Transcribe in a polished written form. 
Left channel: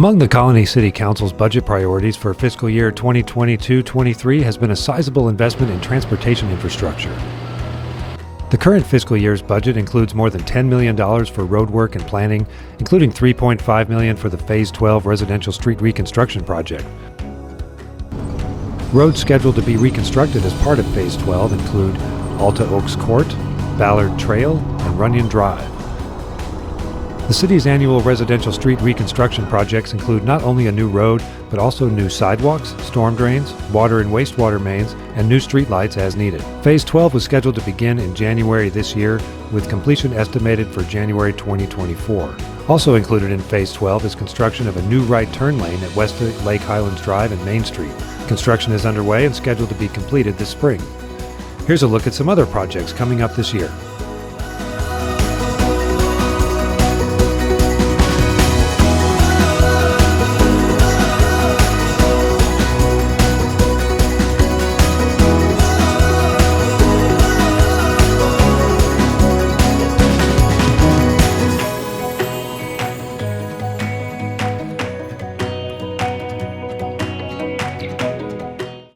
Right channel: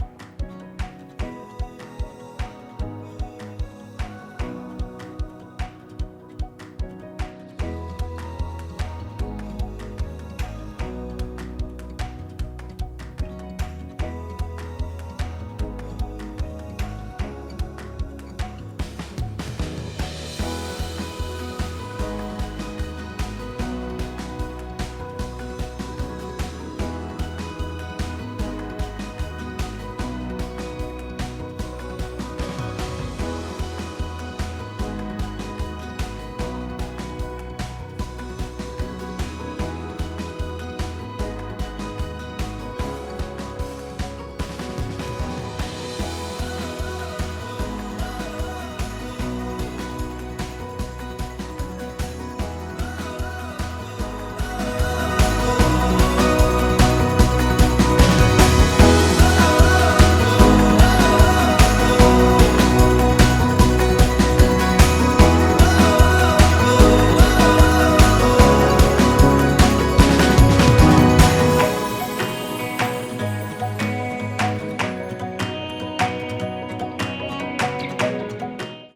Among the Colony City Council's budget priorities for fiscal year 2022-23 has been a sizable investment in transportation infrastructure. The current fiscal year's budget includes more than $10 million for road work and planning, including $3.5 million for the Phase 12 Residential Street Reconstruction project. Roads scheduled to be reconstructed as part of Phase 12 include Alta Oaks Court, Ballard Trail, and Runyon Drive. The city's annual residential street reconstruction projects include not only a new road, but also new sidewalks, storm drains, water and wastewater mains, and new streetlights as needed. Phase 12 was scheduled to begin in January this year, with completion estimated for January 2024. Also included in Phase 12 is construction of a new right turn lane at West Lake Highlands Drive and Main Street. Construction is underway and scheduled to be completed this spring. Here's a look at some other projects coming up this year.